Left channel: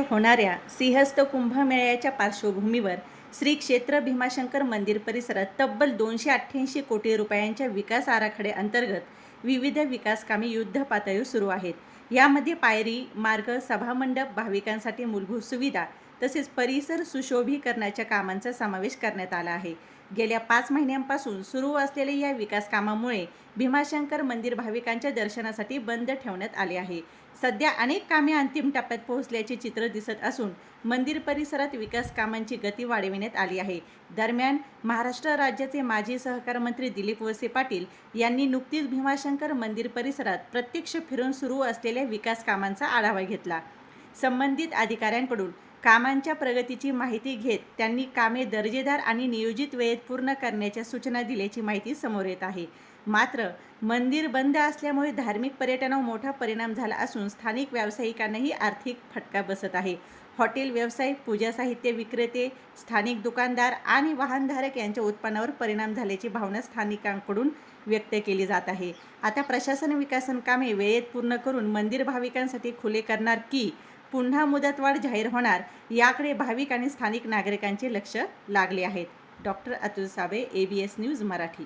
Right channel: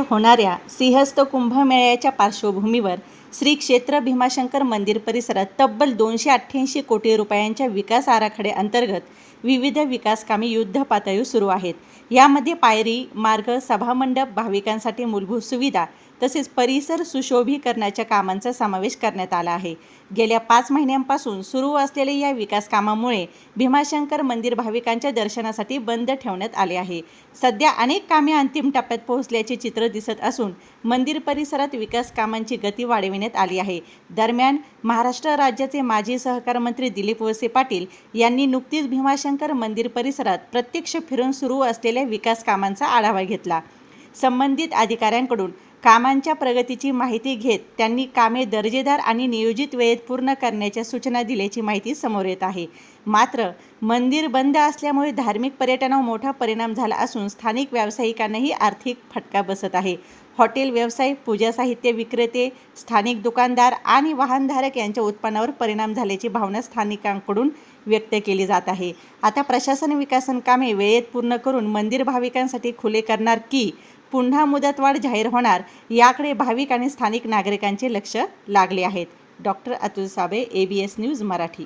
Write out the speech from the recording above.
होणाऱ्या सिंहस्थ कुंभमेळ्याच्या पार्श्वभूमीवर श्री क्षेत्र भीमाशंकर मंदिर परिसरात तब्बल 288 कोटी रुपयांच्या विकास आराखड्याअंतर्गत विविध विकासकामे युद्धपातळीवर सुरू आहेत. यामध्ये पायरी मार्ग, सभामंडप, भाविकांसाठी मूलभूत सुविधा तसेच परिसर सुशोभीकरणाच्या कामांचा समावेश करण्यात आला आहे. गेल्या 5 महिन्यांपासून सुरू असलेल्या या विकास कामामुळे भीमाशंकर मंदिर भाविकांच्या दर्शनासाठी बंद ठेवण्यात आले आहे. सध्या अनेक कामे अंतिम टप्प्यात पोहोचल्याचे चित्र दिसत असून मंदिर परिसरात विकास कामांची गती वाढविण्यात आली आहे. दरम्यान महाराष्ट्र राज्याचे माजी सहकार मंत्री दिलीप वळसे पाटील यांनी नुकतीच भीमाशंकर मंदिर परिसरात प्रत्यक्ष फिरून सुरू असलेल्या विकास कामांचा आढावा घेतला. संबंधित अधिकाऱ्यांकडून कामांच्या प्रगतीची माहिती घेत त्यांनी कामे दर्जेदार आणि नियोजित वेळेत पूर्ण करण्याच्या सूचना दिल्याची माहिती समोर येत आहे. मात्र मंदिर बंद असल्यामुळे धार्मिक पर्यटनावर मोठा परिणाम झाला असून स्थानिक व्यावसायिकांनाही आर्थिक फटका बसत आहे. हॉटेल व्यवसाय, पूजा साहित्य विक्रेते, स्थानिक दुकानदार आणि वाहनधारक यांच्या उत्पन्नावर परिणाम झाल्याची भावना स्थानिकांकडून व्यक्त केली जात आहे. आता प्रशासन विकासन कामे वेळेत पूर्ण करून मंदिर भाविकांसाठी खुले करणार की पुन्हा मुदतवाढ जाहीर होणार याकडे भाविक आणि स्थानिक नागरिकांचे लक्ष लागले आहेत. Doctor Atul Sable, ABS news Marathi.